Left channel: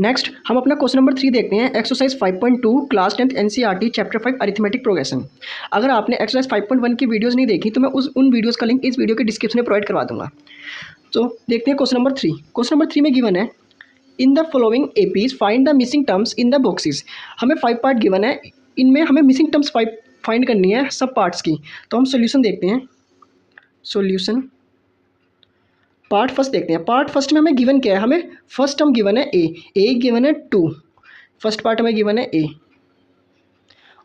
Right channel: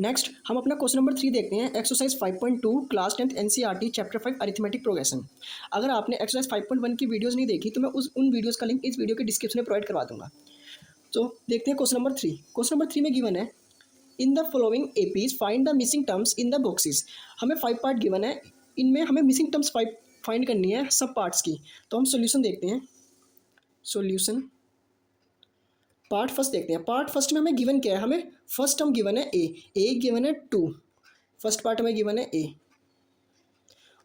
Next हम अपना question number 3 देखते हैं। Exercise 5.2 class 10th NCERT chapter 5 arithmetic progression. अगर आपने एक्सरसाइज 5.1 की वीडियोस नहीं देखी तो मैं उन वीडियोस का लिंक इस वीडियो के डिस्क्रिप्शन में प्रोवाइड करवा दूंगा। तो देखते हैं क्वेश्चन नंबर 3। क्वेश्चन नंबर 3 में गिवन है in the following APs find the missing terms in the boxes. हमें 5 पार्ट गिवन है, इनमें हमें मिसिंग टर्म्स 5 फाइंड करनी है सब पार्ट्स की। तो हम सोल्यूशन देखते हैं। सोल्यूशन पार्ट फर्स्ट देखते हैं। पार्ट फर्स्ट में हमें गिवन क्या है, हमें फर्स्ट टर्म गिवन है ए गिवन है 2, फर्स्ट पार्ट हमें गिवन है ए,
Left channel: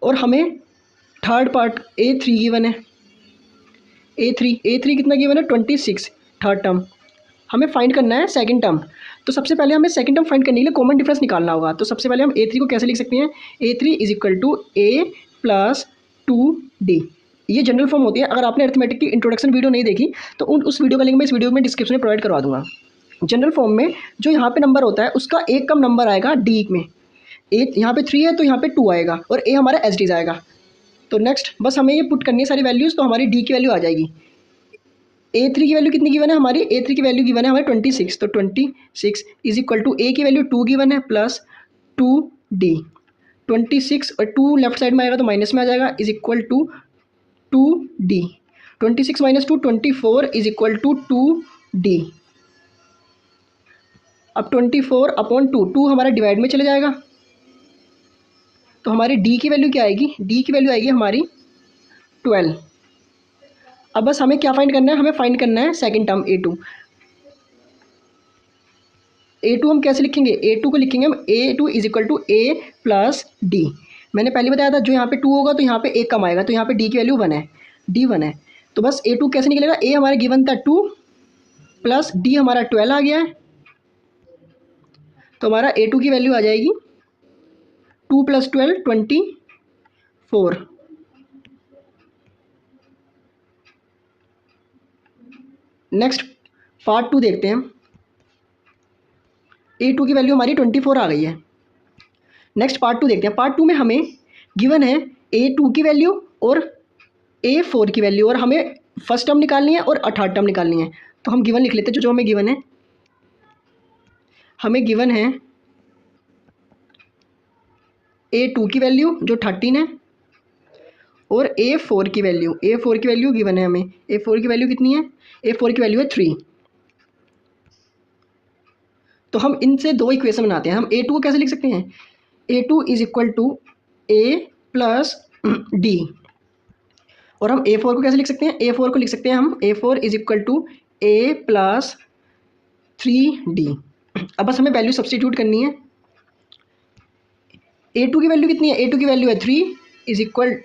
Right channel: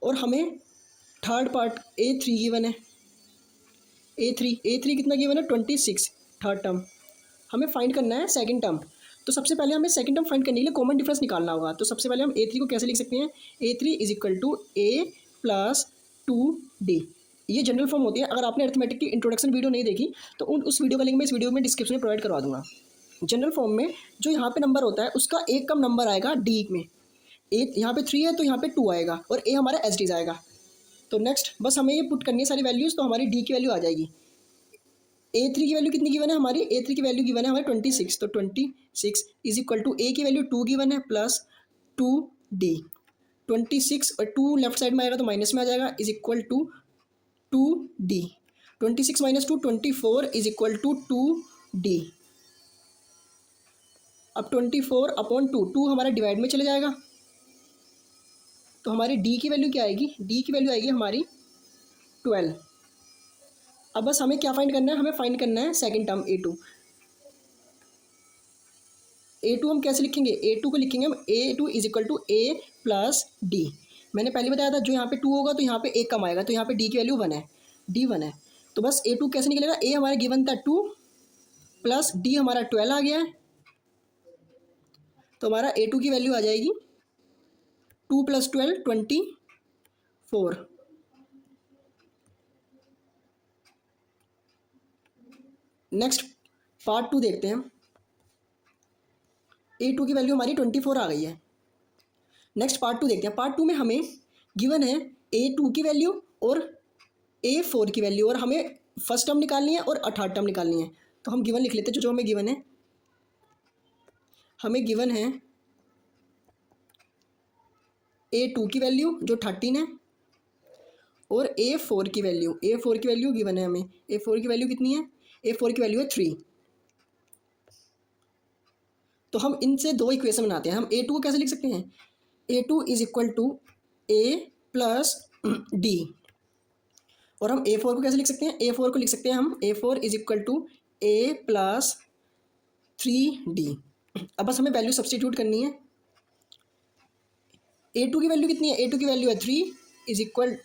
और हमें थर्ड पार्ट A3 गिवन है। A3 कितना गिवन है 26, थर्ड टर्म। हमें फाइंड करना है सेकंड टर्म। तो सबसे पहले हमें सेकंड टर्म फाइंड करने के लिए कॉमन डिफरेंस निकालना होगा। तो सबसे पहले हम A3 को कैसे लिख सकते हैं, A3 is equal to A plus 2D। ये जनरल फॉर्म होती है। अगर आपने अरिथमेटिक की इंट्रोडक्शन वीडियो नहीं देखी तो उस वीडियो का लिंक मैं इस वीडियो में डिस्क्रिप्शन में प्रोवाइड करवा दूंगा। जनरल फॉर्म में जो यहाँ पे नंबर होता है उसका एक कम नंबर आएगा डी में। ए यहाँ पे 3 है तो यहाँ पे 2 आएगा और ए हमारा एच आएगा। तो नेक्स्ट बस हमें ये पुट करनी है सारी वैल्यूज़, तो हमारी डी की वैल्यू आ जाएगी। A3 की वैल्यू कितनी गिवन है हमारी, A3 की वैल्यू गिवन है हमारे 26। तो 26 इज इक्वल टू ए की वैल्यू 2 गिवन है प्लस 2D। 26 और 2 लेफ्ट साइड में आएगा तो माइनस में आ जाएगा, is equal to 2D। 26 minus 2 24 is equal to 2D। अब 24 अपॉन 2 हमारा डिवाइड में चले जाएगा, तो हमारी D की वैल्यू क्या आएगी, D की वैल्यू आएगी हमारी 12। अब बस हमें क्या फाइंड करना है, हमें फाइंड करना है सेकंड टर्म A2 हम कैसे लिखेंगे, A2 को लिखेंगे हम A2 is equal to A plus D। मैंने पहले बताया था जो यहाँ पे 2 होगा तो यहाँ पे एक कम आएगा, तो यहाँ पे D की वैल्यू 1 है, D 1 है। तो बस A2 कैसे निकलेगा, A हमारे गिवन था 2 प्लस D हमारा 12 आ गया है, तो हमारा A2 की वैल्यू आ जाएगी 2 प्लस 12 24। नेक्स्ट पार्ट 2 देखते हैं। A2 की वैल्यू हमारी 24 आ गई है। नेक्स्ट पार्ट 2 देखते हैं। पार्ट 2 में हमें गिवन है A2 की वैल्यू और A4 की वैल्यू, और हमें फर्स्ट टर्म निकालनी है और थर्ड टर्म निकालनी है। तो हम गिवन लिख लेते हैं। जो हमें गिवन है, हमें गिवन है A2 की वैल्यू जो 13 है और A4 की वैल्यू गिवन है हमें। A4 की वैल्यू कितनी है, A4 की वैल्यू है 3। तो हम इनसे दो इक्वेशन बनाते हैं। हम A2 को कैसे लिख सकते हैं, A2 is equal to A plus D, और हम A4 को कैसे लिख सकते हैं, A4 को लिख सकते हैं हम A4 is equal to A plus 3D। अब बस हमें वैल्यू सब्सटीट्यूट करनी है। A2 की वैल्यू कितनी है, A2 की वैल्यू है 3 इज इक्वल,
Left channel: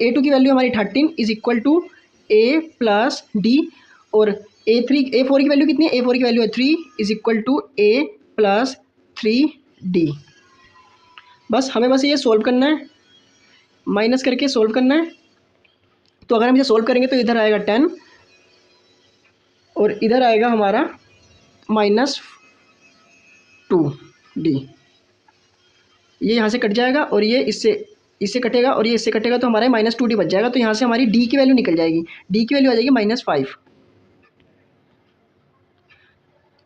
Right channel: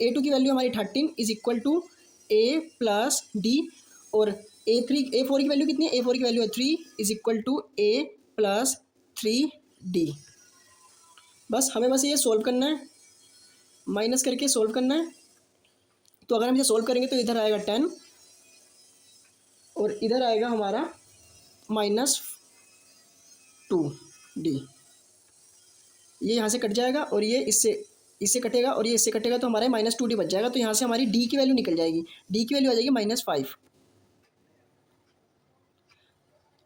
A2 की वैल्यू हमारी 13 is equal to A plus D, और A4 की वैल्यू कितनी है, A4 की वैल्यू है 3 is equal to A plus 3D। बस हमें बस ये सोल्व करना है, माइनस करके सोल्व करना है। तो अगर हम इसे सोल्व करेंगे तो इधर आएगा 10 और इधर आएगा हमारा -2D। ये यहाँ से कट जाएगा और ये इससे कटेगा और ये इससे कटेगा, तो हमारा -2D बच जाएगा। तो यहाँ से हमारी D की वैल्यू निकल जाएगी, D की वैल्यू आ जाएगी -5।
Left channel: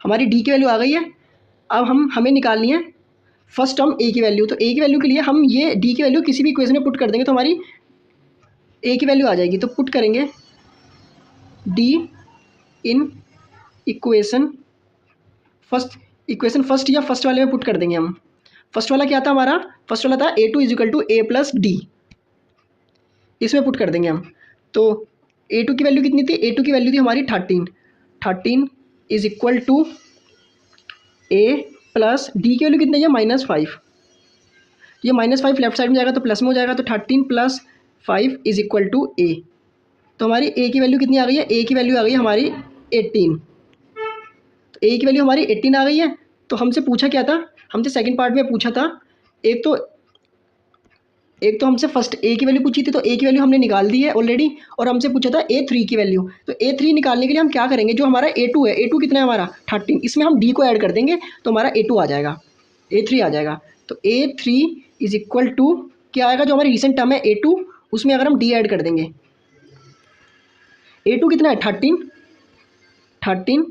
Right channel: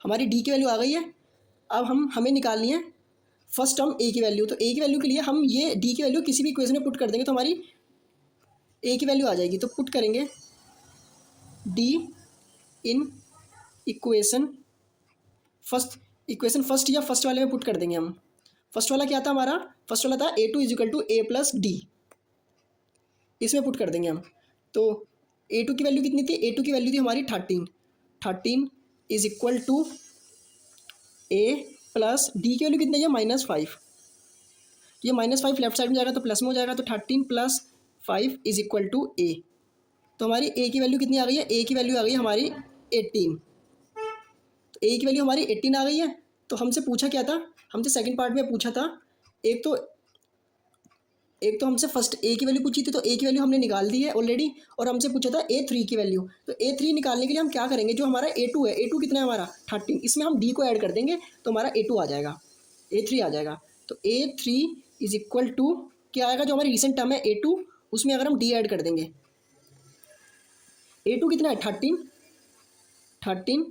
हमारी D की वैल्यू आ गई है। अब हमें निकालनी है फर्स्ट टर्म A की वैल्यू। तो A की वैल्यू के लिए हम ये D की वैल्यू किसी भी इक्वेशन में पुट कर देंगे तो हमारी A की वैल्यू आ जाएगी। तो पुट करेंगे D इन इक्वेशन फर्स्ट या फर्स्ट वाले में पुट कर देंगे हम। फर्स्ट वाला क्या था हमारा, फर्स्ट वाला था A2 is equal to A plus D, इसमें पुट कर देंगे हम। तो A2 की वैल्यू कितनी थी, A2 की वैल्यू थी हमारी 13 is equal to A plus D की वैल्यू कितनी है -5। ये -5 लेफ्ट साइड में जाएगा तो प्लस में हो जाएगा, तो 13 plus 5 is equal to A। तो हमारी A की वैल्यू कितनी आ गई है, A की वैल्यू आ गई हमारी 18। तो A की वैल्यू हमारी 18 आ गई है। तो हमसे पूछा क्या था, हमसे सेकंड पार्ट में पूछा था, एक तो हमसे फर्स्ट A की वैल्यू पूछी थी, तो A की वैल्यू हमने निकाल दी है ऑलरेडी, और हमसे पूछा था A3 की वैल्यू। तो A3 निकालने के लिए हम क्या करेंगे, जो हमारा A2 है, A2 कितना है हमारा 13, इसमें हम D को ऐड कर देंगे तो हमारा A2 आ जाएगा, A3 आ जाएगा। तो A3 इज इक्वल टू क्या आएगा, जो हमारी रिसेंट टर्म है A2 उसमें अगर हम D ऐड कर देंगे, A2 कितना है 13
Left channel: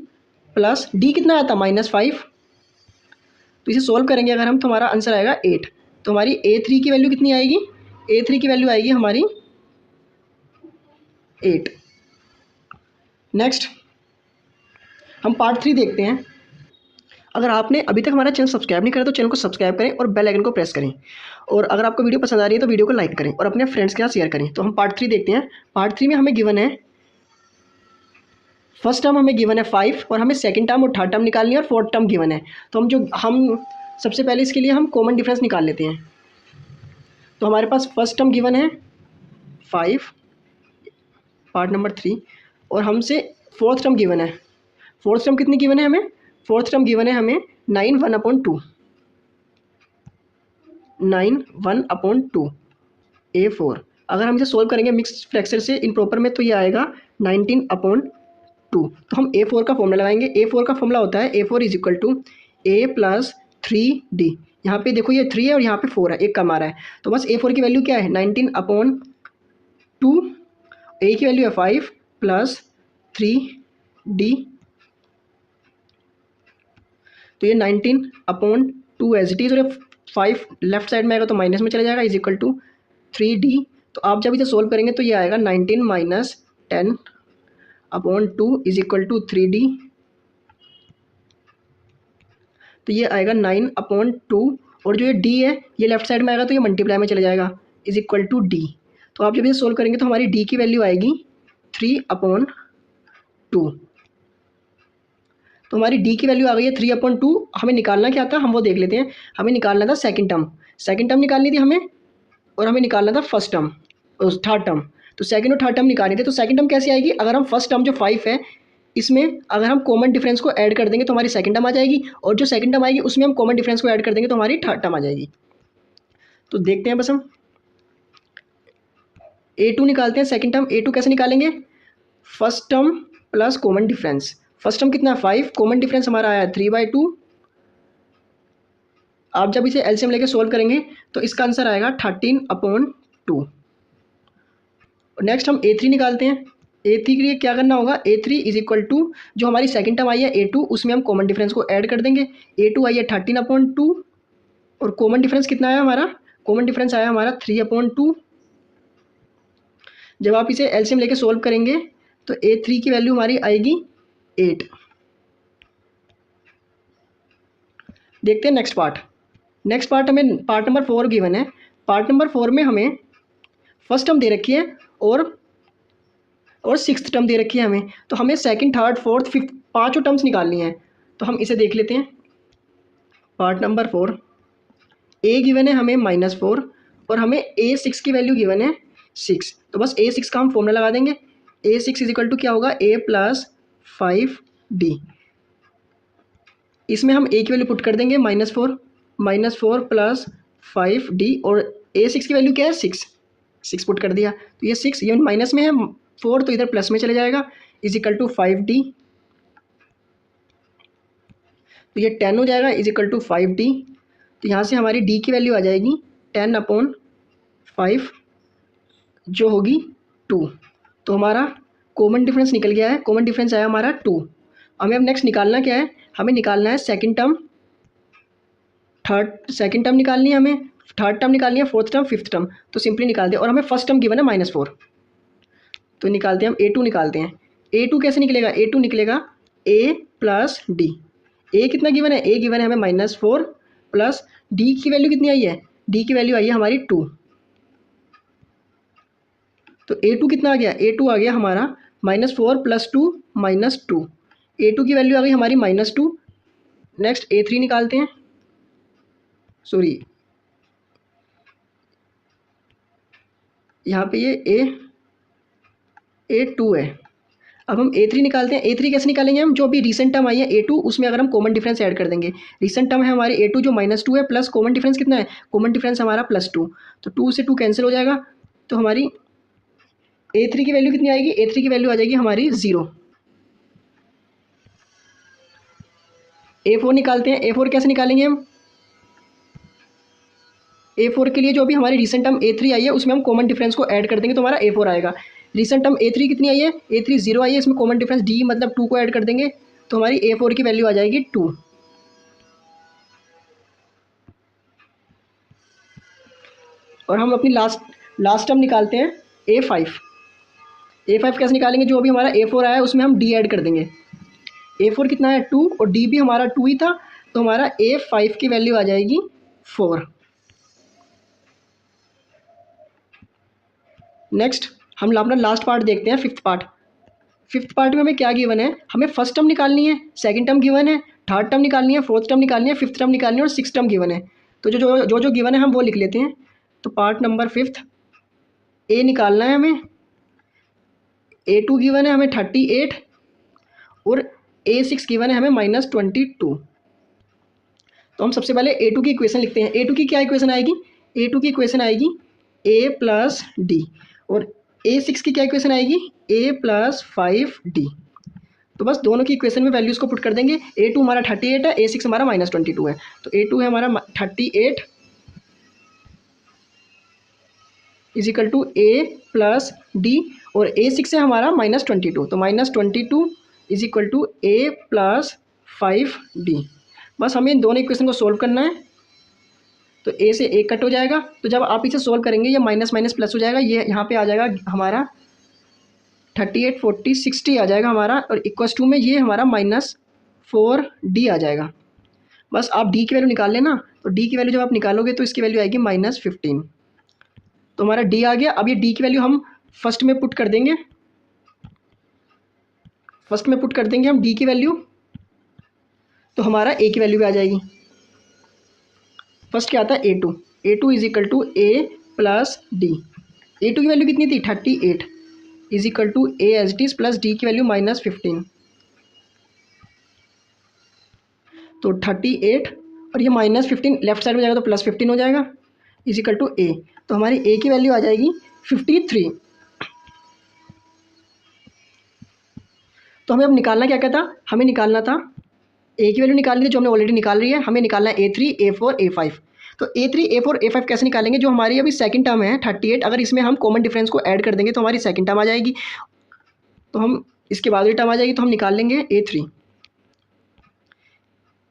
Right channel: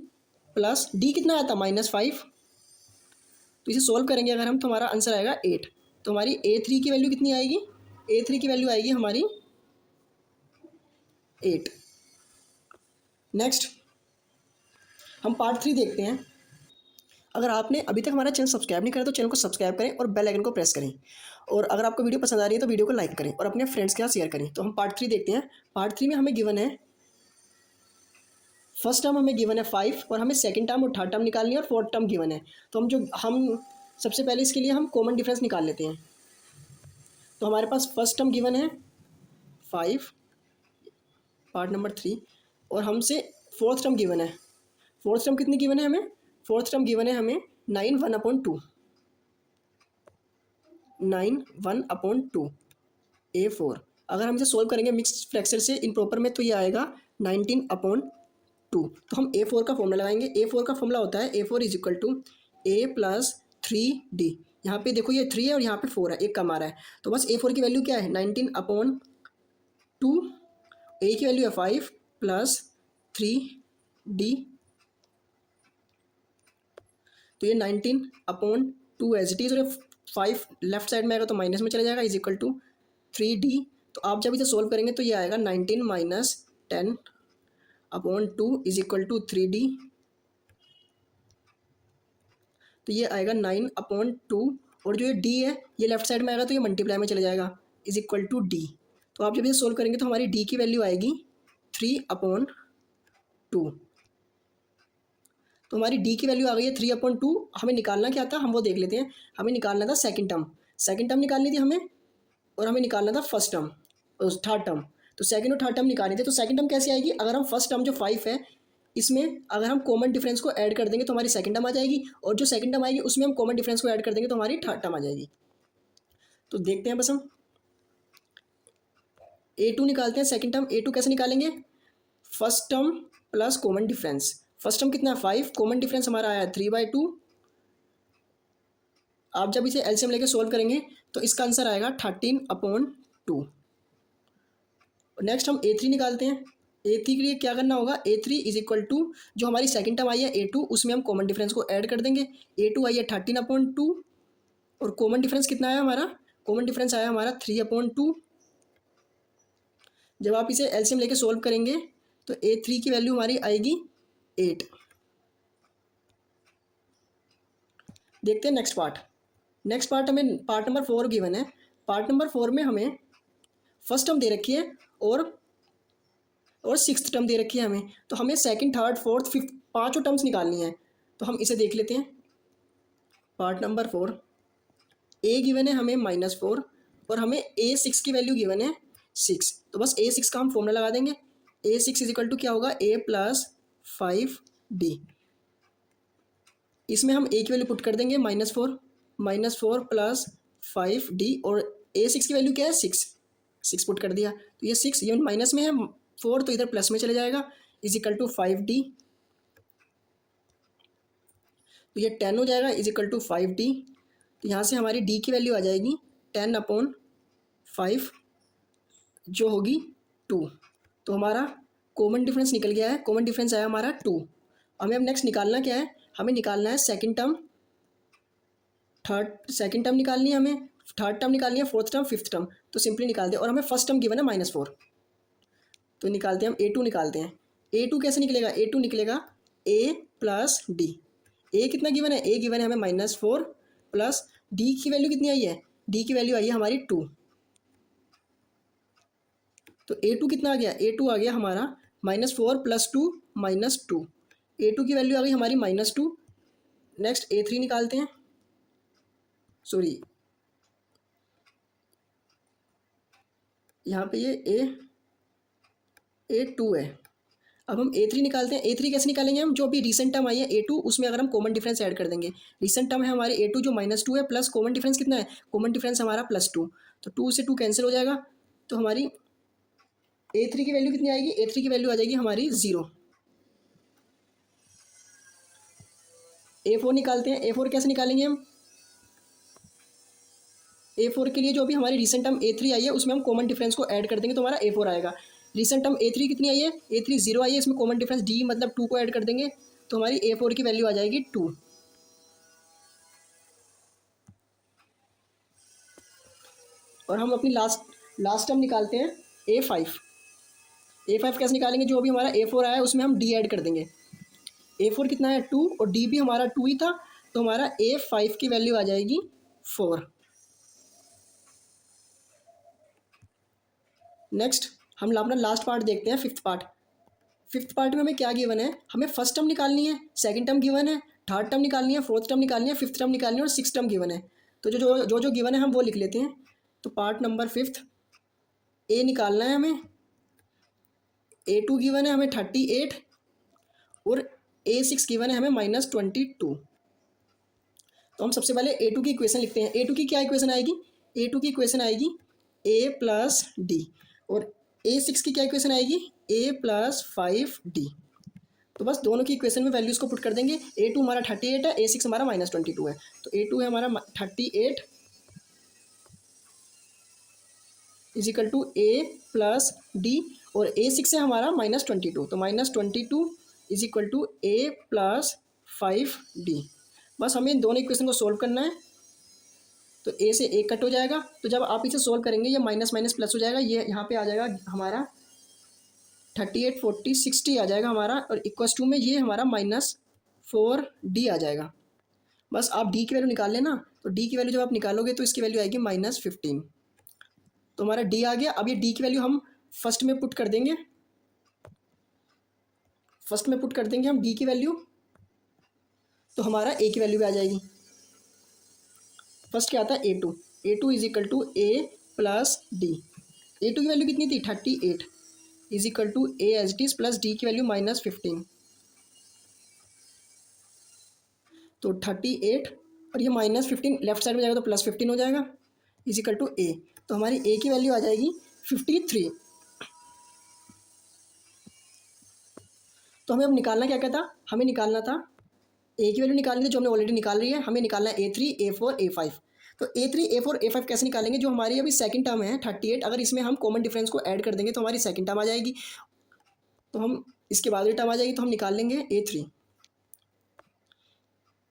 प्लस D कितना आया था -5, तो इसे सोल्व करेंगे अगर हम, तो हमारा आंसर आएगा 8। तो हमारी A3 की वैल्यू कितनी आएगी? A3 की वैल्यू आएगी हमारी 8। नेक्स्ट हम पार्ट 3 देखते हैं। अगर आपने अभी तक हमारा चैनल सब्सक्राइब नहीं करा तो चैनल को सब्सक्राइब करें और बेल आइकन को प्रेस करें, और अगर आपको वीडियो पसंद आ रही है तो वीडियो को लाइक करें और अपने फ्रेंड्स के साथ शेयर करें। तो हम पार्ट 3 देखते हैं। पार्ट 3 में हमें गिवन है, फर्स्ट टर्म हमें गिवन है 5 और हमें सेकंड टर्म और थर्ड टर्म निकालनी है और फोर्थ टर्म गिवन है। तो हम सबसे पहले इसके लिए हम कॉमन डिफरेंस निकाल लेते हैं। तो हमारे पास फर्स्ट टर्म गिवन है 5, पार्ट नंबर 3, और हमसे फोर्थ टर्म गिवन है। फोर्थ टर्म कितनी गिवन है हमें? फोर्थ टर्म गिवन है हमें 9 1/2, 9 1/2 A4। अगर हम इसे सोल्व करेंगे मिक्स फ्रैक्शन से इम्प्रॉपर में तो ये आएगा 19/2। तो हम A4 का फॉर्मूला लगाएंगे। A4 का फॉर्मूला होता है A4 is equal to A + 3D। यहाँ पे देखो ये 3 है और यहाँ पे 4 है, एक कम आ रहा है। तो बस A4 की वैल्यू क्या है? 19/2। A की वैल्यू है 5 + 3D। तो ये 19/2 एज इट इज़, और 5 लेफ्ट साइड में आएगा तो माइनस में चला जाएगा, इज इक्वल टू 3D। तो आप जब इसे सोल्व करेंगे तो ये आएगा 19 - 10/2 इज इक्वल टू 3D। तो ये आएगा 9/2, और जो ये D है ये लेफ्ट साइड में आएगा तो ये मल्टीप्लाई में चला जाएगा, इज इक्वल टू D। तो आप जब इसे सोल्व करेंगे तो हमारी D की वैल्यू आएगी 3/2। तो हमारी D की वैल्यू आ गई है 3/2। हमें निकालना क्या था हम वो देख लेते हैं। हमें निकालना था सेकंड टर्म निकालनी थी हमें, और हमें निकालना था फर्स्ट टर्म, थर्ड टर्म। तो सेकंड और थर्ड टर्म निकालनी थी। तो सेकंड टर्म कैसे आएगी? अगर हम फर्स्ट टर्म जो 5 है इसमें अगर हम कॉमन डिफरेंस को ऐड कर देंगे तो हमारी सेकंड टर्म आ जाएगी, और जो सेकंड टर्म आएगी उसमें हम कॉमन डिफरेंस को ऐड कर देंगे तो हमारी थर्ड टर्म आ जाएगी। तो देखते हैं बस हम A2 निकालते हैं। सेकंड टर्म A2 कैसे निकालेंगे? First term plus common difference. First term कितना है 5, कॉमन डिफरेंस हमारा आया 3/2। आप जब इसे एलसीएम लेके सोल्व करेंगे तो इसका आंसर आएगा 13/2। नेक्स्ट हम A3 निकालते हैं। A3 के लिए क्या करना होगा? A3 इज इक्वल टू जो हमारी सेकंड टर्म आई है A2 उसमें हम कॉमन डिफरेंस को ऐड कर देंगे। A2 आई है 13/2, और कॉमन डिफरेंस कितना आया हमारा? कॉमन डिफरेंस आया हमारा 3/2। जब आप इसे एलसीएम लेके सोल्व करेंगे तो A3 की वैल्यू हमारी आएगी 8। देखते हैं नेक्स्ट पार्ट। नेक्स्ट पार्ट हमें पार्ट नंबर 4 गिवन है। पार्ट नंबर 4 में हमें फर्स्ट टर्म दे रखी है और सिक्स्थ टर्म दे रखी है हमें। तो हमें सेकंड, थर्ड, फोर्थ, फिफ्थ पांचों टर्म्स निकालनी है। तो हम इसे देख लेते हैं। पार्ट नंबर 4, A गिवन है हमें -4, और हमें A6 की वैल्यू गिवन है 6। तो बस A6 का हम फॉर्मूला लगा देंगे। A6 इज इक्वल टू क्या होगा? A + 5D। इसमें हम A की वैल्यू पुट कर देंगे -4 + 5D, और A6 की वैल्यू क्या है? 6 पुट कर दिया। तो ये 6 ये माइनस में है, 4 तो इधर प्लस में चले जाएगा, इज इक्वल टू 5D। तो ये 10 हो जाएगा, इज इक्वल टू 5D। तो यहाँ से हमारी D की वैल्यू आ जाएगी 10/5 जो होगी 2। तो हमारा कॉमन डिफरेंस निकल गया है। कॉमन डिफरेंस आया हमारा 2। हमें अब नेक्स्ट निकालना क्या है? हमें निकालना है सेकंड टर्म, सेकंड टर्म निकालनी है हमें, थर्ड टर्म निकालनी है, फोर्थ टर्म, फिफ्थ टर्म। तो सिंपली निकाल दे, और हमें फर्स्ट टर्म गिवन है -4। तो निकालते हैं हम A2 निकालते हैं। A2 कैसे निकलेगा? A2 निकलेगा A + D। A कितना गिवन है? A गिवन है हमें -4 प्लस D की वैल्यू कितनी आई है? D की वैल्यू आई है हमारी 2। तो A2 कितना आ गया? A2 आ गया हमारा -4 + 2 -2। A2 की वैल्यू आ गई हमारी -2। नेक्स्ट A3 निकालते हैं। सॉरी, यहाँ पे ये A2 है। अब हम A3 निकालते हैं। A3 कैसे निकालेंगे हम? जो अभी रिसेंट टर्म आई है A2 उसमें अगर हम कॉमन डिफरेंस ऐड कर देंगे। रिसेंट टर्म है हमारे A2 जो -2 है, प्लस कॉमन डिफरेंस कितना है? कॉमन डिफरेंस हमारा +2। तो 2 से 2 कैंसिल हो जाएगा। तो हमारी A3 की वैल्यू कितनी आएगी? A3 की वैल्यू आ जाएगी हमारी 0। A4 निकालते हैं। A4 कैसे निकालेंगे हम? A4 के लिए जो अभी हमारी रिसेंट टर्म A3 आई है उसमें हम कॉमन डिफरेंस को ऐड कर देंगे तो हमारा A4 आएगा। रिसेंट टर्म A3 कितनी आई है? A3 0 आई है, इसमें कॉमन डिफरेंस D मतलब 2 को ऐड कर देंगे तो हमारी A4 की वैल्यू आ जाएगी 2। और हम अपनी लास्ट टर्म निकालते हैं A5। A5 कैसे निकालेंगे, जो अभी हमारा A4 आया है उसमें हम D ऐड कर देंगे। A4 कितना है 2 और D भी हमारा 2 ही था, तो हमारा A5 की वैल्यू आ जाएगी 4। नेक्स्ट हम अपना लास्ट पार्ट देखते हैं, फिफ्थ पार्ट। फिफ्थ पार्ट में हमें क्या गिवन है, हमें फर्स्ट टर्म निकालनी है, सेकंड टर्म गिवन है, थर्ड टर्म निकालनी है, फोर्थ टर्म निकालनी है, फिफ्थ टर्म निकालनी है और सिक्स टर्म गिवन है। तो जो गिवन है हम वो लिख लेते हैं। तो पार्ट नंबर फिफ्थ, ए निकालना है हमें, A2 गिवन है हमें 38 और A6 गिवन है हमें -22। तो हम सबसे पहले A2 की इक्वेशन लिखते हैं। A2 की क्या इक्वेशन आएगी, A2 की इक्वेशन आएगी A + D और A6 की क्या इक्वेशन आएगी A + 5D। तो बस दोनों की इक्वेशन में वैल्यूज़ को पुट कर देंगे। A2 हमारा 38 है, A6 हमारा -22 है। तो A2 है हमारा 38 = A + D और A6 है हमारा -22, तो -22 = A + 5D। बस हमें इन दोनों इक्वेशन को सोल्व करना है। तो A से A कट हो जाएगा, तो जब आप इसे सोल्व करेंगे ये माइनस माइनस प्लस हो जाएगा, ये यहाँ पे आ जाएगा हमारा 38 40 60 आ जाएगा हमारा, और =2 में ये हमारा -4D आ जाएगा। बस आप D की वैल्यू निकाल लेना। तो D की वैल्यू जब आप निकालोगे तो इसकी वैल्यू आएगी -15। तो हमारा D आ गया। अब ये D की वैल्यू हम फर्स्ट में पुट कर देंगे, हम D की वैल्यू, तो हमारा A की वैल्यू भी आ जाएगी। फर्स्ट क्या आता है A2 = A + D। A2 की वैल्यू कितनी थी 38 = A as it is plus D की वैल्यू -15। तो 38 और ये -15 लेफ्ट साइड में जाएगा तो +15 हो जाएगा = A। तो हमारी A की वैल्यू आ जाएगी 53। तो हमें अब निकालना क्या था, हमें निकालना था A की वैल्यू निकालनी थी, जो हमने ऑलरेडी निकाल रही है। हमें निकालना है A3 A4 A5। तो A3 A4 A5 कैसे निकालेंगे, जो हमारी अभी सेकंड टर्म है 38, अगर इसमें हम कॉमन डिफरेंस को ऐड कर देंगे तो हमारी सेकंड टर्म आ जाएगी। तो हम इसके बाद वाली टर्म आ जाएगी, तो हम निकाल लेंगे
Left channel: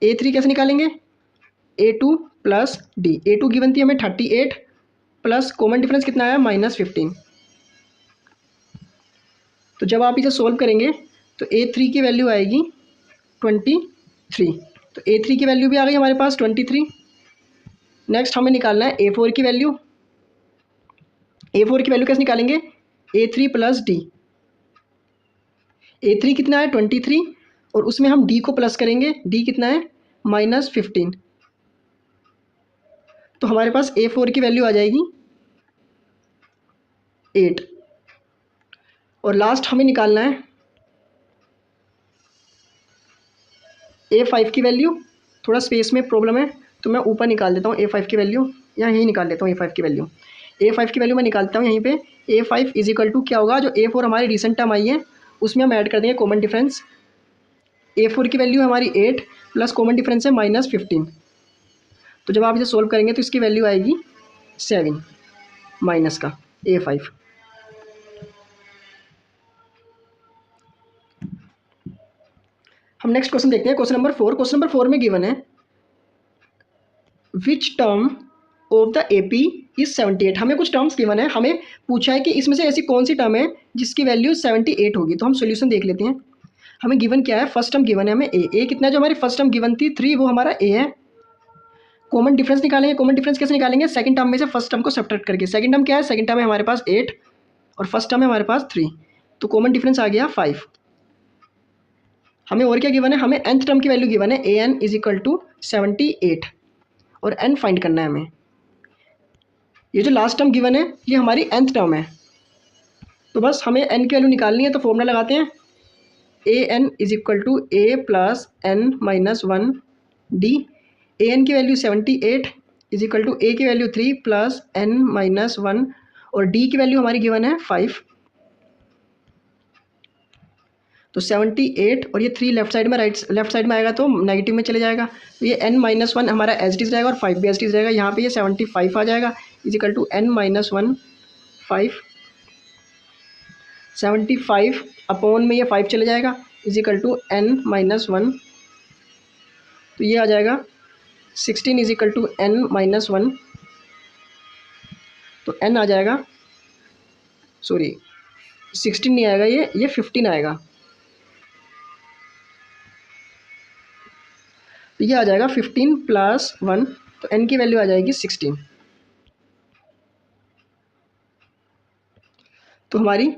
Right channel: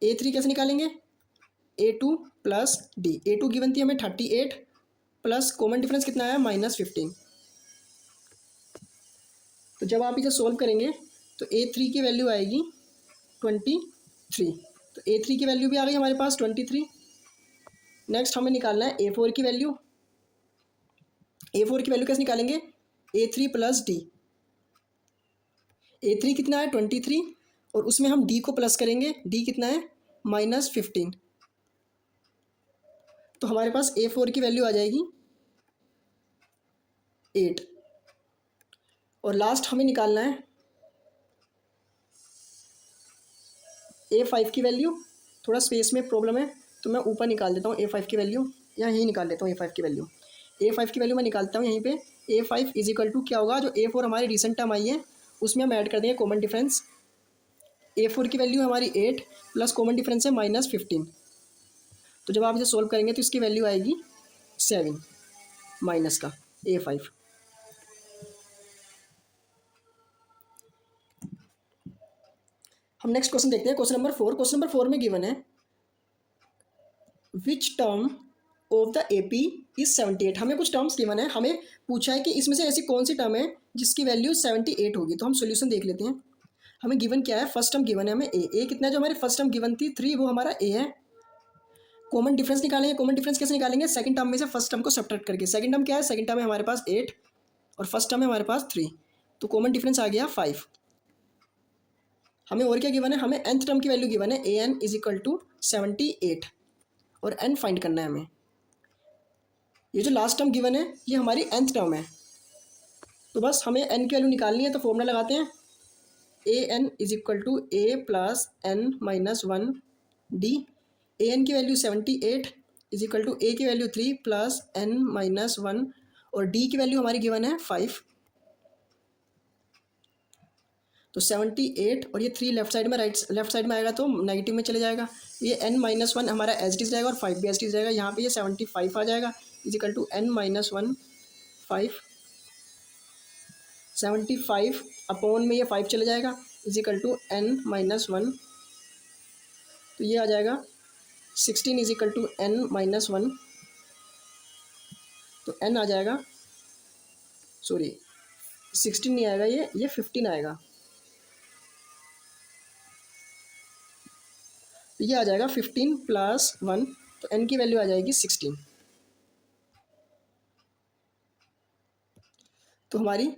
A3 कैसे निकालेंगे, A2 + D। A2 गिवन थी हमें 38 प्लस कॉमन डिफरेंस कितना आया -15। तो जब आप इसे सोल्व करेंगे तो A3 की वैल्यू आएगी 23। तो A3 की वैल्यू भी आ गई हमारे पास 23। नेक्स्ट हमें निकालना है A4 की वैल्यू। A4 की वैल्यू कैसे निकालेंगे, A3 + D। A3 कितना है 23 और उसमें हम D को प्लस करेंगे, D कितना है -15। तो हमारे पास A4 की वैल्यू आ जाएगी 8। और लास्ट हमें निकालना है A5 की वैल्यू। थोड़ा स्पेस में प्रॉब्लम है तो मैं ऊपर निकाल देता हूँ A5 की वैल्यू, या यहीं निकाल लेता हूँ A5 की वैल्यू। A5 की वैल्यू मैं निकालता हूँ यहीं पे। A5 = क्या होगा, जो A4 हमारी रिसेंट टर्म आई है उसमें हम ऐड कर देंगे कॉमन डिफरेंस। A4 की वैल्यू हमारी 8 प्लस कॉमन डिफरेंस है -15। तो जब आप इसे सोल्व करेंगे तो इसकी वैल्यू आएगी 7 माइनस का A5। हम नेक्स्ट क्वेश्चन देखते हैं, क्वेश्चन नंबर 4। क्वेश्चन नंबर 4 में गिवन है which term of the AP is 78। हमें कुछ टर्म्स गिवन है, हमें पूछा है कि इसमें से ऐसी कौन सी टर्म है जिसकी वैल्यू 78 होगी। तो हम सोल्यूशन देख लेते हैं। हमें गिवन क्या है, फर्स्ट टर्म गिवन है हमें A कितना है, जो हमारी फर्स्ट टर्म गिवन थी 3, वो हमारा A है। कॉमन डिफरेंस निकालेंगे। कॉमन डिफरेंस कैसे निकालेंगे, सेकंड टर्म में से फर्स्ट टर्म को सब्ट्रैक्ट करके। सेकंड टर्म क्या है, सेकंड टर्म है हमारे पास 8 और फर्स्ट टर्म है हमारे पास 3, तो कॉमन डिफरेंस आ गया 5। हमें और क्या गिवन है, हमें nth टर्म की वैल्यू गिवन है AN = 78 और n फाइंड करना है हमें। ये जो लास्ट टर्म गिवन है ये हमारी nth टर्म है, तो बस हमें n की वैल्यू निकालनी है। तो फॉर्मूला लगाते हैं AN = A + n - 1D। AN की वैल्यू 78 = A की वैल्यू 3 + n - 1 और D की वैल्यू हमारी गिवन है 5। तो 78 और ये 3 लेफ्ट साइड में आएगा तो नेगेटिव में चले जाएगा। तो ये n - 1 हमारा एज इट इज रहेगा और 5 भी एज इट इज रहेगा। यहाँ पे ये 75 आ जाएगा = n - 1 5। 75 अपॉन में ये 5 चले जाएगा = n - 1। तो ये आ जाएगा 16 = n - 1। तो n आ जाएगा, सॉरी 16 नहीं आएगा, ये 15 आएगा। तो ये आ जाएगा 15 प्लस 1, तो n की वैल्यू आ जाएगी 16। तो हमारी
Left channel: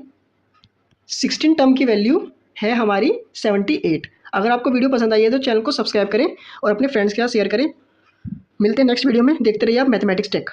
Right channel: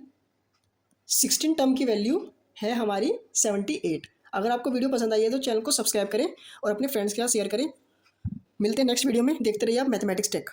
16 टर्म की वैल्यू है हमारी 78। अगर आपको वीडियो पसंद आई है तो चैनल को सब्सक्राइब करें और अपने फ्रेंड्स के साथ शेयर करें। मिलते हैं नेक्स्ट वीडियो में, देखते रहिए आप मैथमेटिक्स टेक।